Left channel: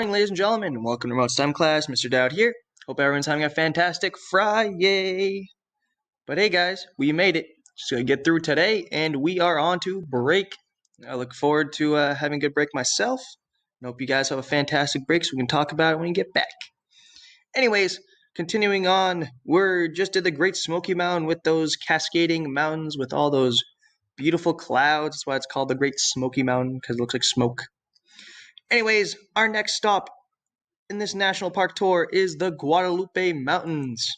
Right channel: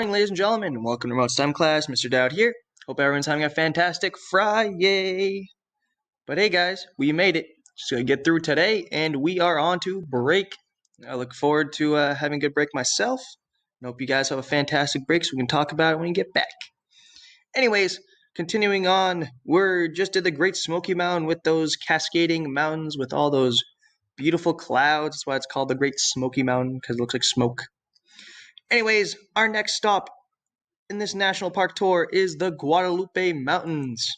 morning, ladies and gentlemen, and welcome to Remote STEM class. Mr. Dowd here. Hope everyone's having a fantastic Friday. But hey guys, we made it. Just gonna get through today, and we are on to break. I look forward to having a good break myself. I hope you guys have a fantastic break so we can talk about it when you get back. Anyways, continuing on, we're just at the Great Smoky Mountain with those cascading mountains with all those beautiful clouds. That's why it's called the Great Smoky Mountain, because it looks like smoke. Anyways, our next stop in this national park tour is the Guadalupe Mountains.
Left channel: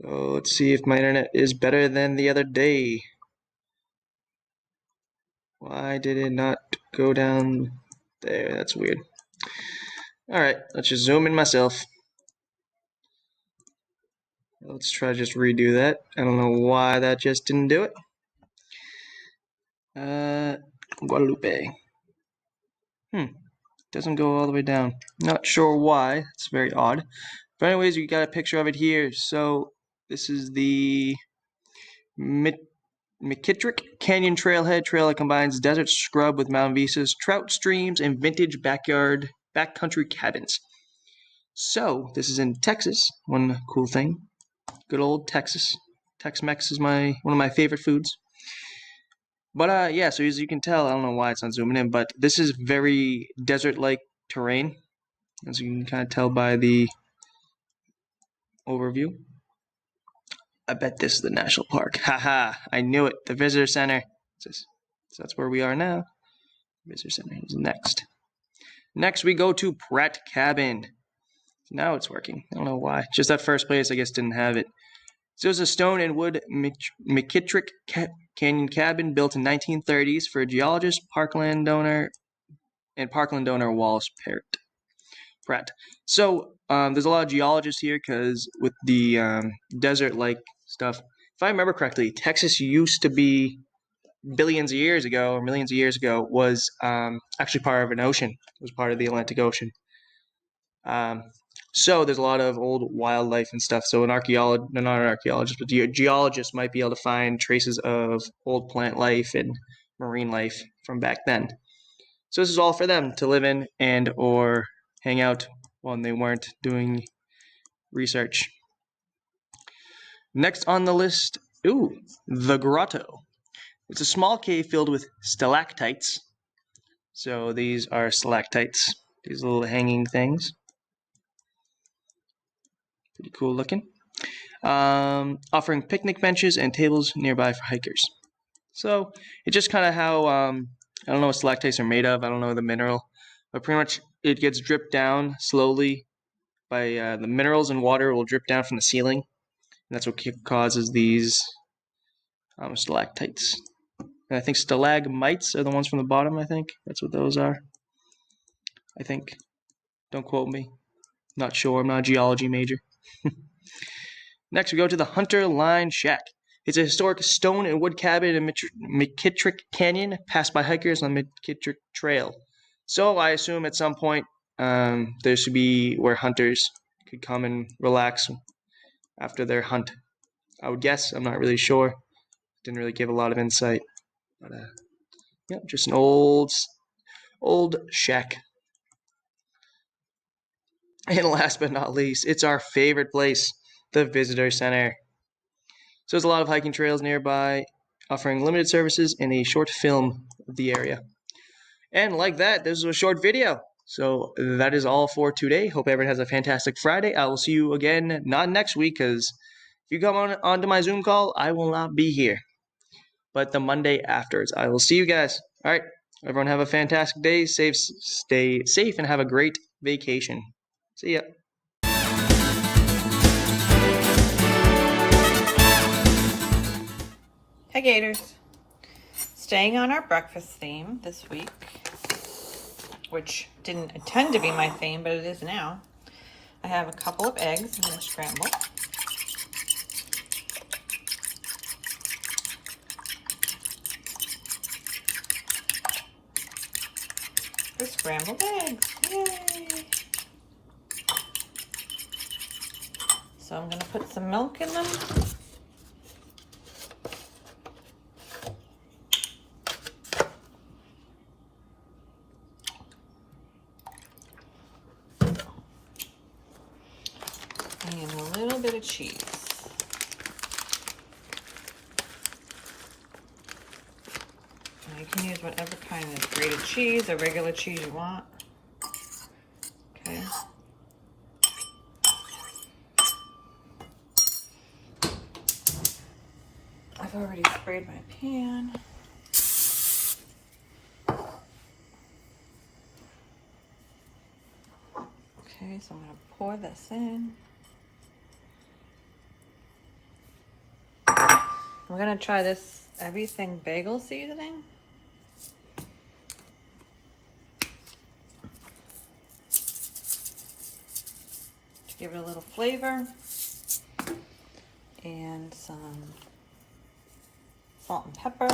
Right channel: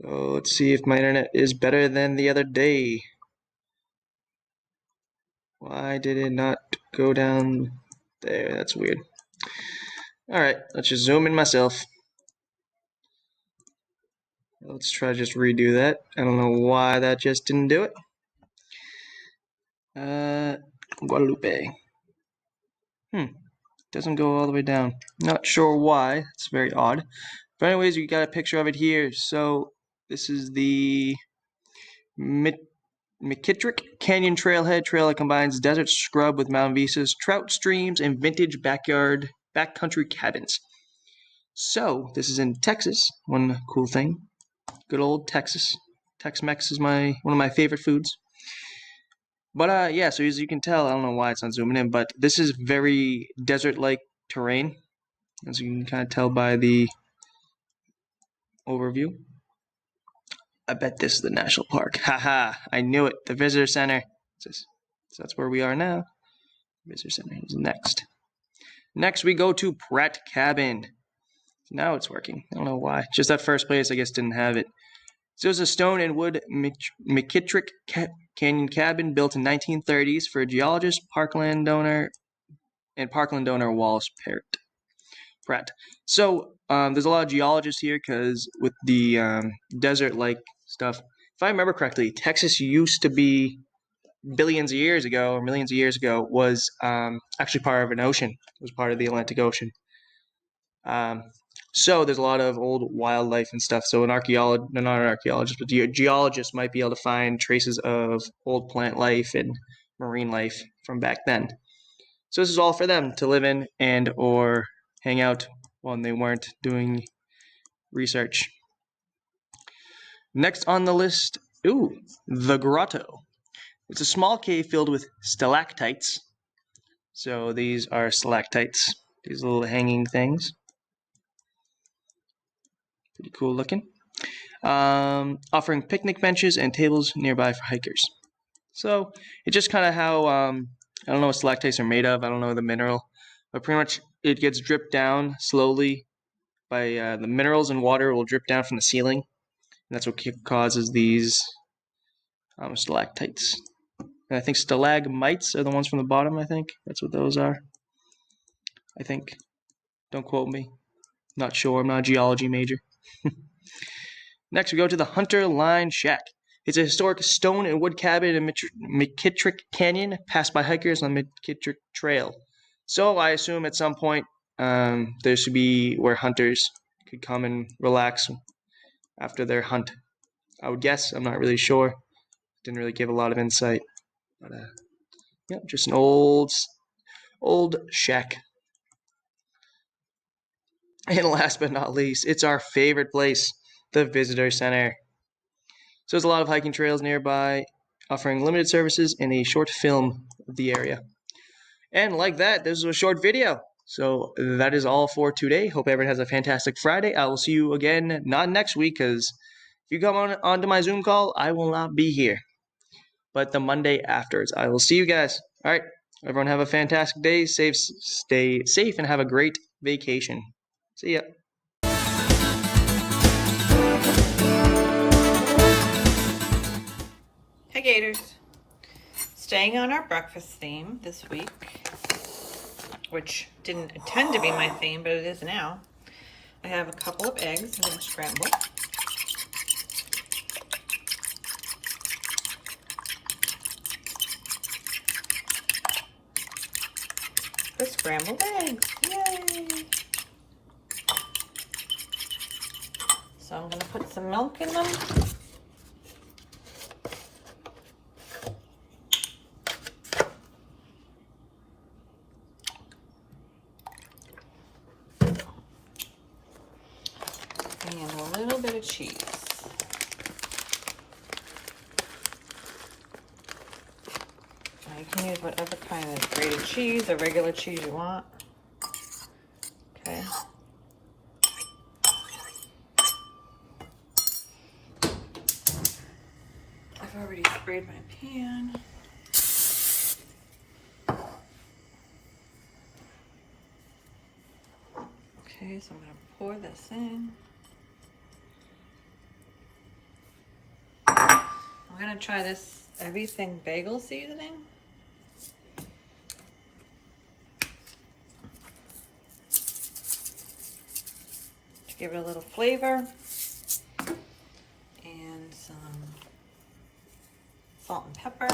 So let's see if my internet is better than the other day. Why did it not go down there? That's weird. Alright, let's just zoom in myself. Let's try to just redo that. I don't know why that just didn't do it. Guadalupe. Doesn't go all the way down. Not sure why. It's very odd. But anyways, you got a picture of it here. So this is the Mckittrick Canyon Trailhead trail that combines desert scrub with mountain vistas, trout streams, and vintage backcountry cabins. So this is in Texas. One cool thing. Good old Texas. Tex-Mex is one of my favorite foods. But yeah, so as you can tell, I don't know why it's not zooming in, but this is very desert-like terrain, as you can kind of tell by the overview. I bet this is the national park. Haha, I knew it. The visitor center. So that's where we are now. Visitor center is next. Next, we go to Pratt Cabin. Now it's working. I don't know why. Just that first place, I guess, didn't have it. So it was a stone and wood Mckittrick Canyon cabin built in 1930s for a geologist, parkland owner Wallace Pratt. So there's a lot of geologists here because with the desert-like stuff. If I remember correctly, Texas used to be billions of years ago or millions of years ago was actually part of an ocean. It was part of the Atlantic Ocean. So there's a lot of old wildlife and stuff. So not an archaeologist, but geologists might be able to find traces of old plant life and marine life from back then. So this is all for them to live in and or hang out when they weren't doing research. Next on the list, the Grotto. It's a small cave filled with stalactites. So these are stalactites, these little hanging things. Pretty cool looking. Offering picnic benches and tables nearby for hikers. So it's just kind of how, I don't know what stalactites are made of. I don't know the mineral. But pretty much it gets dripped down slowly by the minerals and water will drip down from the ceiling. And that's what causes these stalactites. And I think stalagmites are the ones from the bottom, I think. That's what those are. I think. Don't quote me. Not sure. I'm not a geology major. Next, we go to the Hunter Line Shack. It's a historic stone and wood cabin in Mckittrick Canyon, passed by hikers on the Mckittrick Trail. So I assume at some point there should be where hunters could come and relax after their hunt. I would guess. I'm not really sure. Didn't really give a lot of insight. But yeah, just an old shack. And last but not least, it's our favorite place, the Visitor Center. So there's a lot of hiking trails nearby, offering limited services and a short film of the area. And like that, this is a short video. So that is all for today. Hope everyone has a fantastic Friday. I will see you again, not next week, because if you come onto my Zoom call, I will not be here. But the Monday afterwards, I will see you guys. All right, everyone have a fantastic day. Stay safe, and have a great vacation. See ya. Hi Gators. Staying on our breakfast theme this week, which didn't intend to be my theme, but it is now. I have a couple of eggs I'm going to scramble. The scrambled eggs. Yay! So I'm going to put some milk in them. little bit of cheese. Now you can use whatever kind of grated cheese or regular cheese you want. Okay. I've already sprayed my pan. Okay, so I'm going to pour this in. I'm going to try this everything bagel seasoning. To give it a little flavor. And some salt and pepper.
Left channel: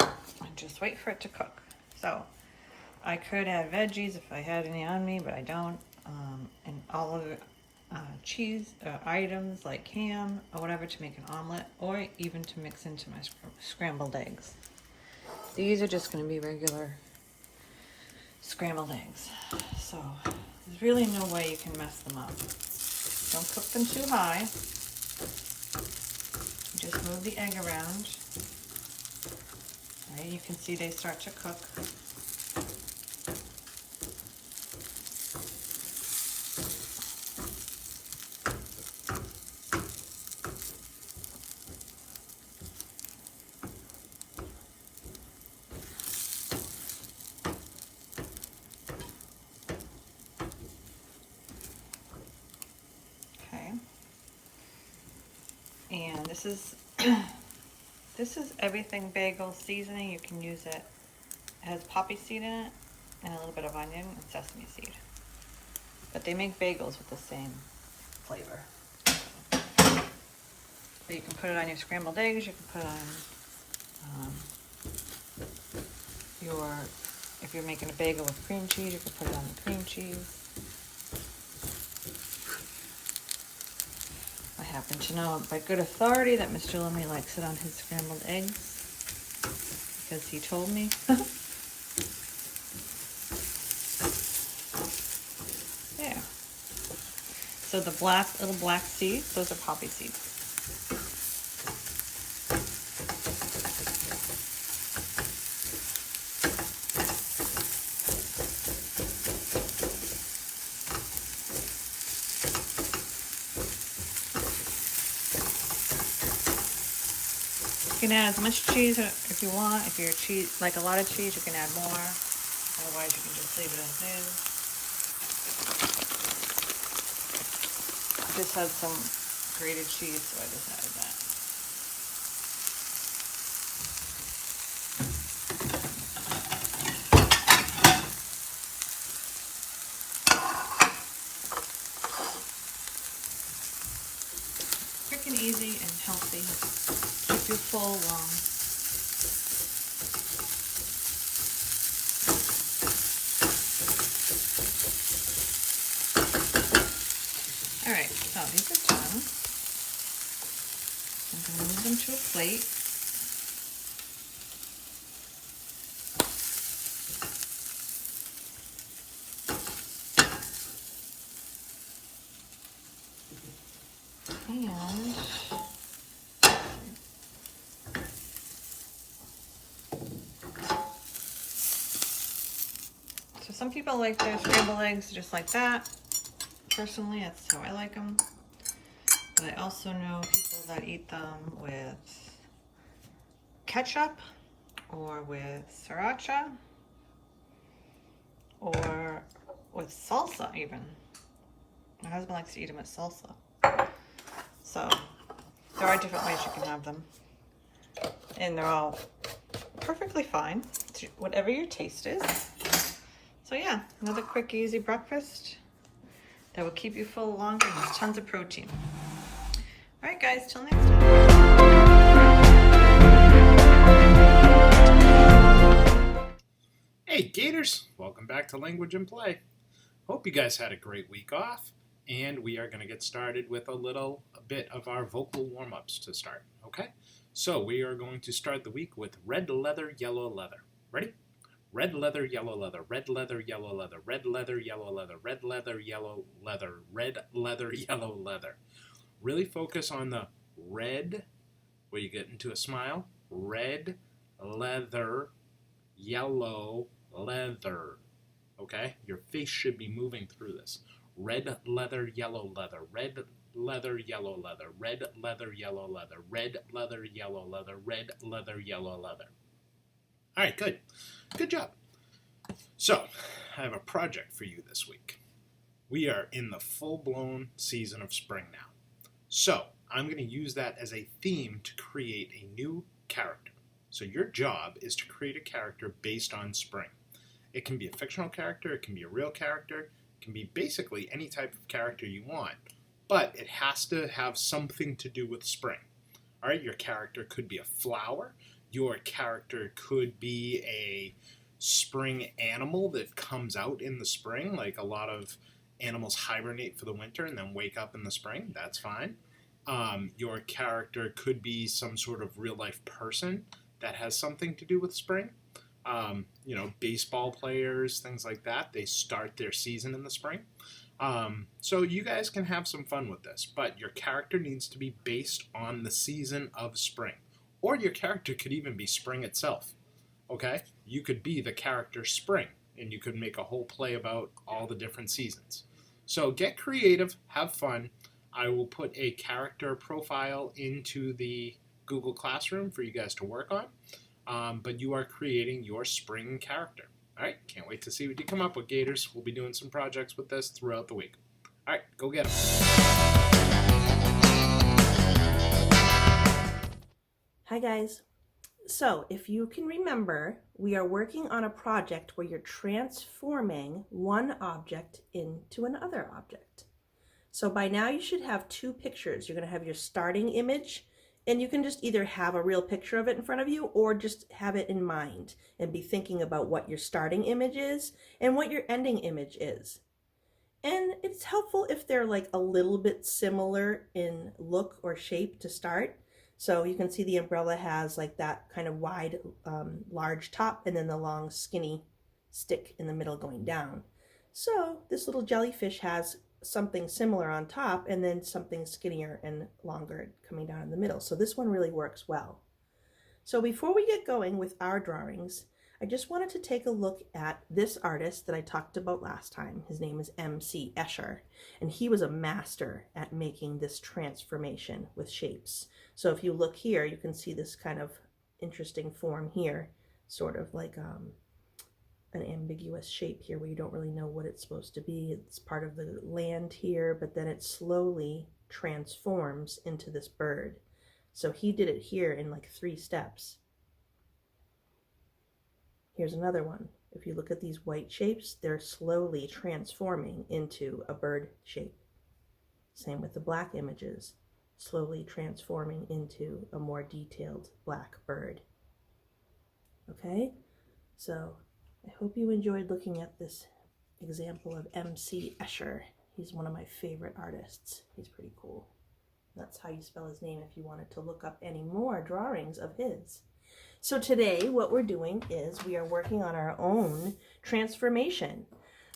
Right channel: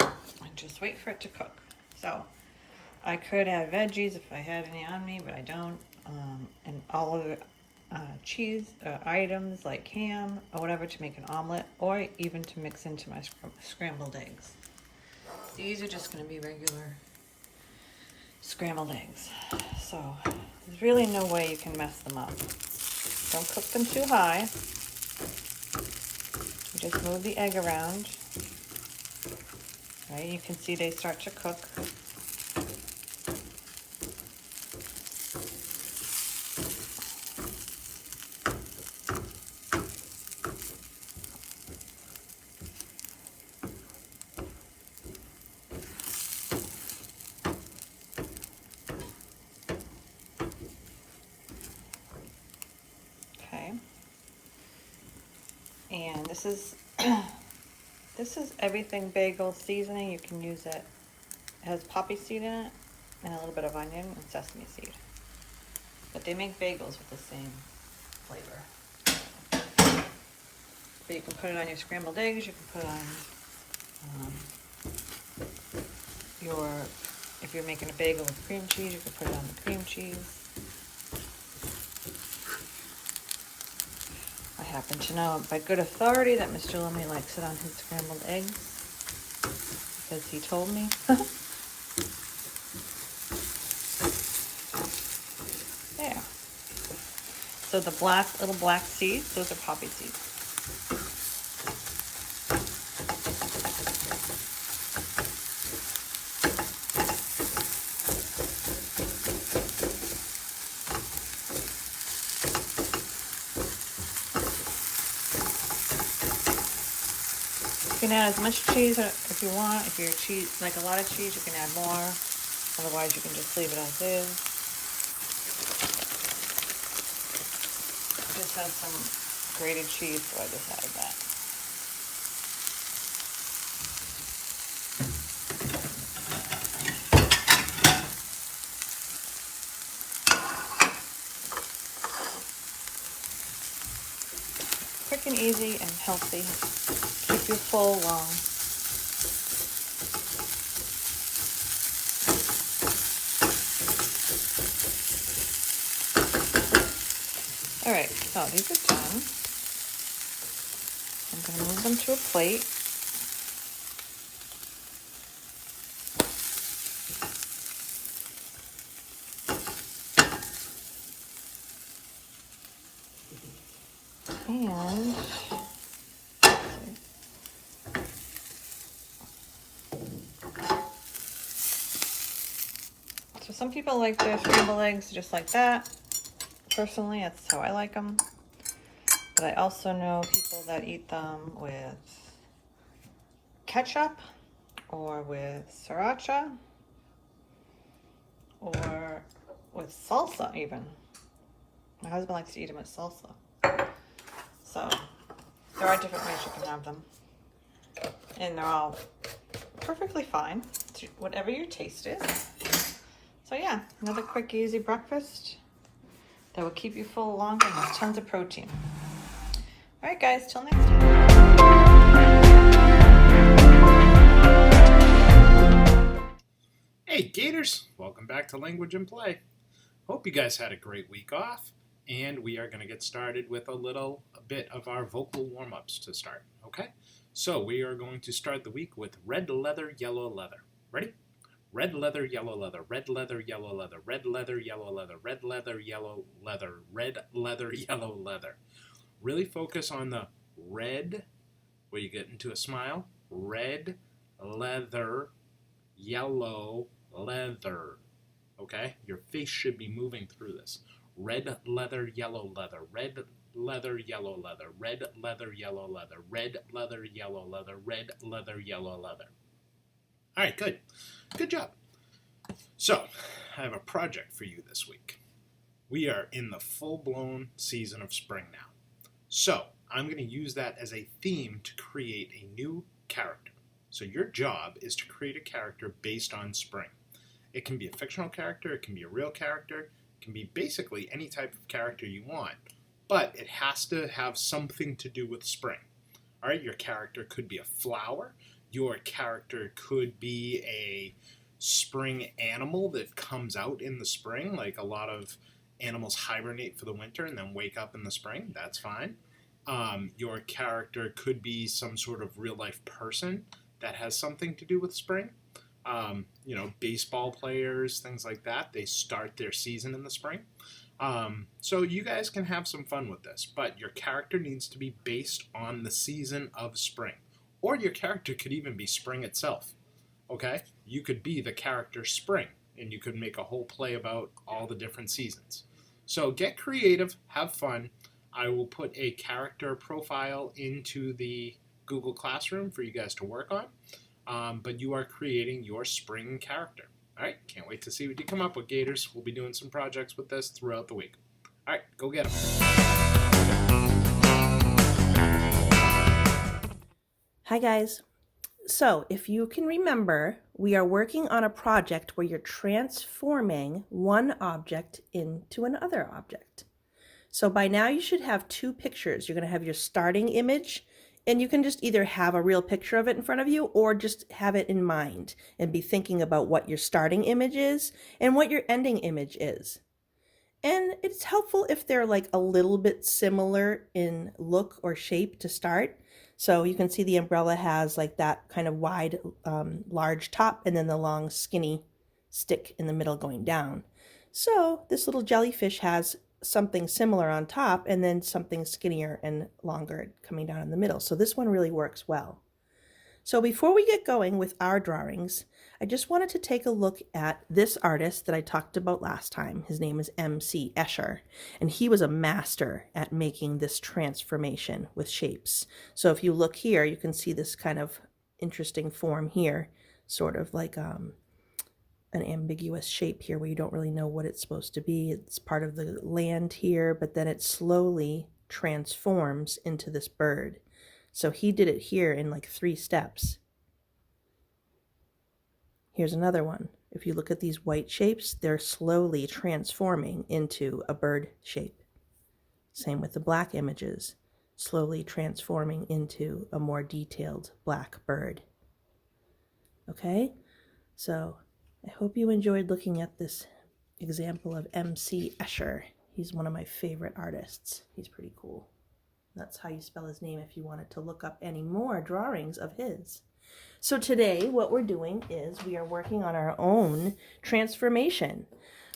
And just wait for it to cook. So I could have veggies if I had any on me, but I don't. And all of the cheese items like ham or whatever to make an omelet, or even to mix into my scrambled eggs. These are just going to be regular scrambled eggs. So there's really no way you can mess them up. Don't cook them too high. You just move the egg around. Right, you can see they start to cook. Okay. And this is this is everything bagel seasoning. You can use it. It has poppy seed in it and a little bit of onion and sesame seed. But they make bagels with the same flavor. But you can put it on your scrambled eggs. You can put it on if you're making a bagel with cream cheese, you can put it on the cream cheese. I happen to know by good authority that Mr. Lumley likes it on his scrambled eggs because he told me. There. So the little black seeds, those are poppy seeds. You can add as much cheese if you want. If you're like a lot of cheese, you can add more. Otherwise, you can just leave it as is. Just had some grated cheese, so I just added that. Quick and easy and healthy. Keep you full long. All right, so these are done. I'm going to move them to a plate. And so some people like their scrambled eggs just like that. Personally, that's how I like them. But I also know people that eat them with ketchup or with sriracha or with salsa even. My husband likes to eat them with salsa. So there are different ways you can have them. And they're all perfectly fine. It's whatever your taste is. So yeah, another quick, easy breakfast that will keep you full longer and has tons of protein. All right, guys, till next time. Hey, Gators! Welcome back to Language and Play. Hope you guys had a great week off, and we are going to get started with a bit of our vocal warm-ups to start, okay? So we are going to start the week with red leather, yellow leather. Ready? red leather, yellow leather, red leather, yellow leather, red leather, yellow leather, red leather, yellow leather, red leather, yellow leather. Really focus on the red, where you get into a smile, red leather, yellow leather. Okay? Your face should be moving through this. Red leather, yellow leather, red leather, yellow leather, red leather, yellow leather, red leather, yellow leather, red leather, yellow leather. All right, good. Good job. So, I have a project for you this week. We are in the full-blown season of spring now. So, I'm going to use that as a theme to create a new character. So your job is to create a character based on spring. It can be a fictional character, it can be a real character, it can be basically any type of character you want, but it has to have something to do with spring. All right, your character could be a flower, your character could be a spring animal that comes out in the spring, like a lot of animals hibernate for the winter and then wake up in the spring. That's fine. Your character could be some sort of real-life person that has something to do with spring. Baseball players, things like that. They start their season in the spring. So you guys can have some fun with this, but your character needs to be based on the season of spring. Or your character could even be spring itself. Okay? You could be the character Spring, and you could make a whole play about all the different seasons. So get creative, have fun. I will put a character profile into the Google Classroom for you guys to work on, but you are creating your spring character. All right, can't wait to see what you come up with, Gators. We'll be doing some projects with this throughout the week. All right, go get them. Hi guys. So if you can remember, we are working on a project where you're transforming one object into another object. So by now you should have two pictures. You're going to have your starting image, and you can just either have a real picture of it in front of you or just have it in mind and be thinking about what your starting image is and what your ending image is. And it's helpful if they're like a little bit similar in look or shape to start. So you can see the umbrella has like that kind of wide, large top and then the long skinny stick in the middle going down. So this little jellyfish has something similar on top and then something skinnier and longer coming down in the middle. So this one really works well. So before we get going with our drawings, I just wanted to take a look at this artist that I talked about last time. His name is M.C. Escher, and he was a master at making this transformation with shapes. So if you look here, you can see this kind of interesting form here, sort of like an ambiguous shape here where you don't really know what it's supposed to be. It's part of the land here, but then it slowly transforms into this bird. So he did it here in like 3 steps. Here's another one. If you look at these white shapes, they're slowly transforming into a bird shape. Same with the black images, slowly transforming into a more detailed black bird. Okay, so I hope you enjoyed looking at this example of M.C. Escher. He's one of my favorite artists. He's pretty cool. That's how you spell his name if you wanted to look up any more drawings of his. So today what we're doing is we are working on our own transformation.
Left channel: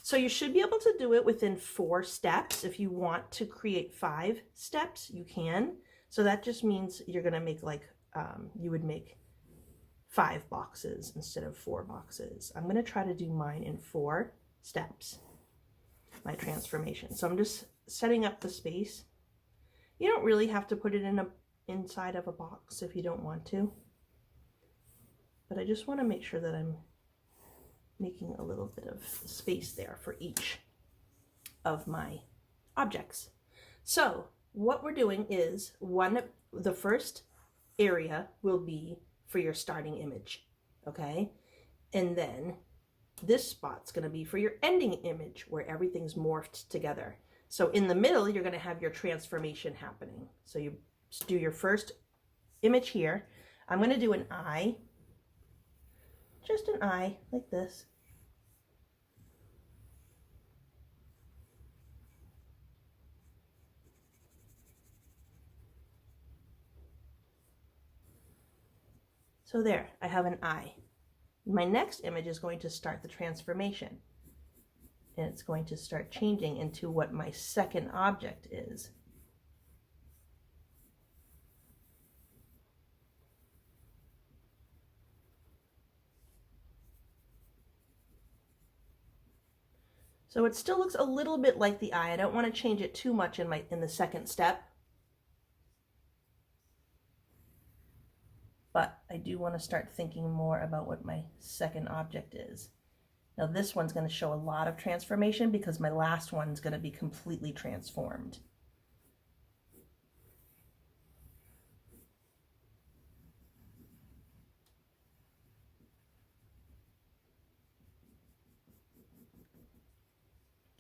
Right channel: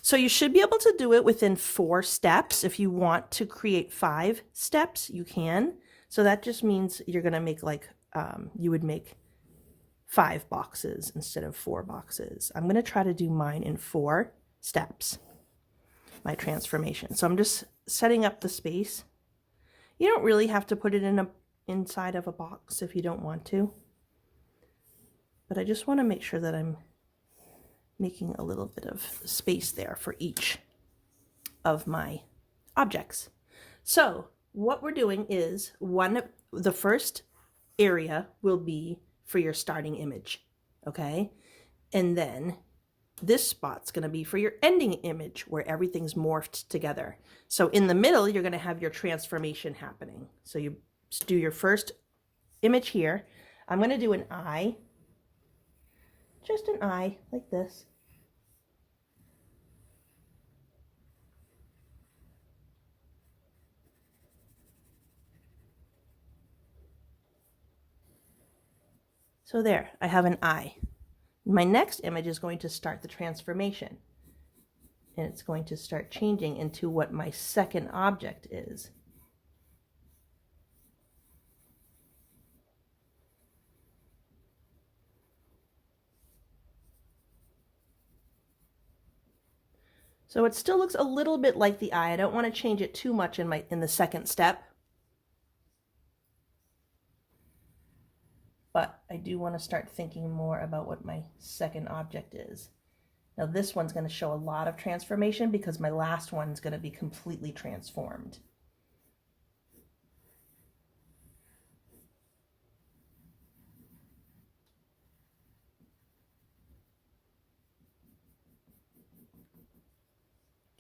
So you should be able to do it within 4 steps. If you want to create 5 steps, you can. So that just means you're going to make like, you would make 5 boxes instead of 4 boxes. I'm going to try to do mine in 4 steps, my transformation. So I'm just setting up the space. You don't really have to put it inside of a box if you don't want to. But I just want to make sure that I'm making a little bit of space there for each of my objects. So what we're doing is the first area will be for your starting image, okay? And then this spot's going to be for your ending image where everything's morphed together. So in the middle, you're going to have your transformation happening. So you do your first image here. I'm going to do an eye. Just an eye, like this. So there, I have an eye. My next image is going to start the transformation. And it's going to start changing into what my second object is. So it still looks a little bit like the eye. I don't want to change it too much in the second step. But I do want to start thinking more about what my second object is. Now this one's going to show a lot of transformation because my last one's going to be completely transformed.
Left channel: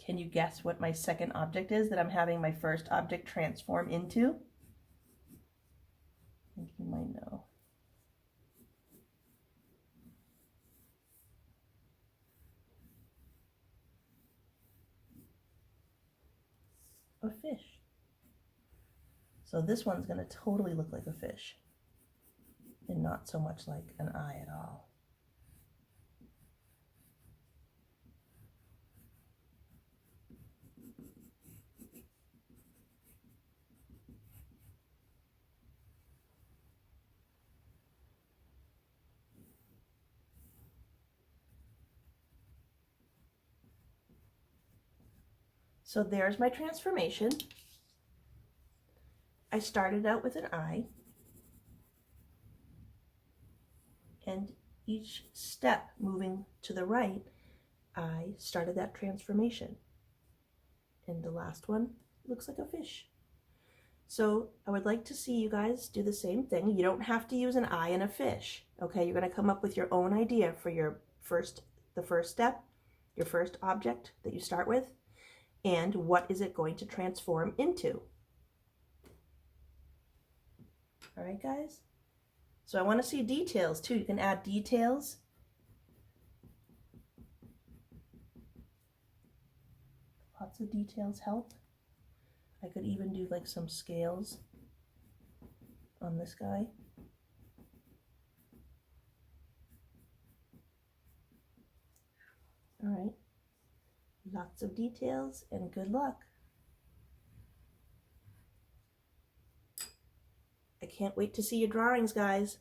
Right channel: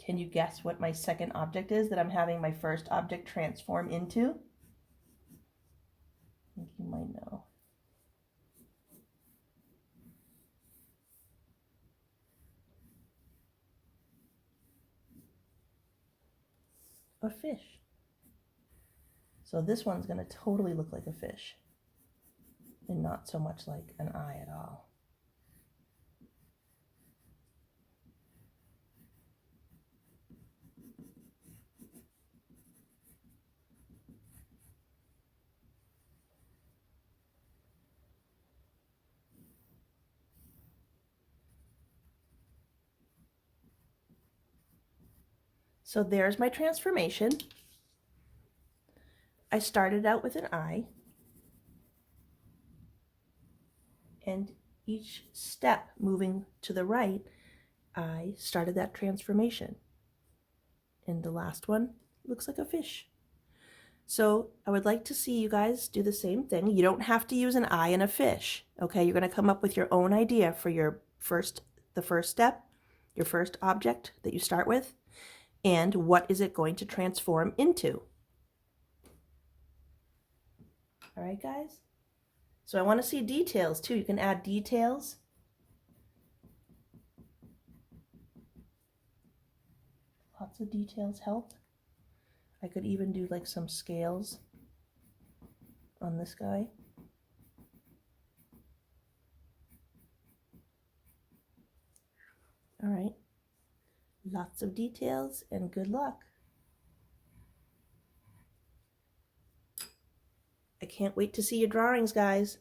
Can you guess what my second object is that I'm having my first object transform into? I think you might know. A fish. So this one's going to totally look like a fish and not so much like an eye at all. So there's my transformation. I started out with an eye, and each step moving to the right, I started that transformation. And the last one looks like a fish. So I would like to see you guys do the same thing. You don't have to use an eye and a fish, okay? You're going to come up with your own idea for the first step, your first object that you start with. And what is it going to transform into? All right, guys? So I want to see details too. You can add details. Lots of details help. I could even do like some scales on this guy. All right. Lots of details and good luck. I can't wait to see your drawings, guys.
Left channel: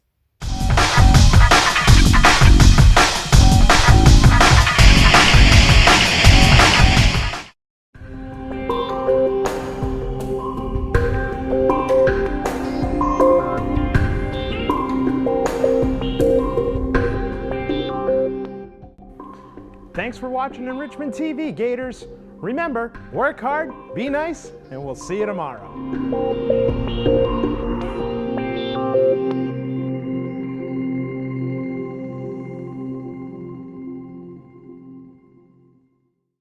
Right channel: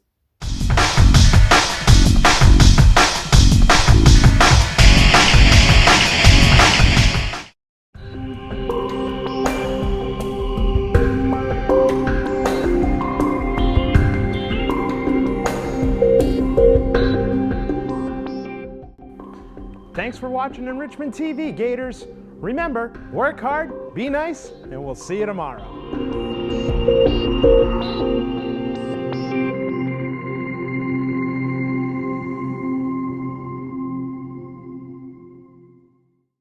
Thanks for watching Enrichment TV, Gators. Remember, work hard, be nice, and we'll see you tomorrow.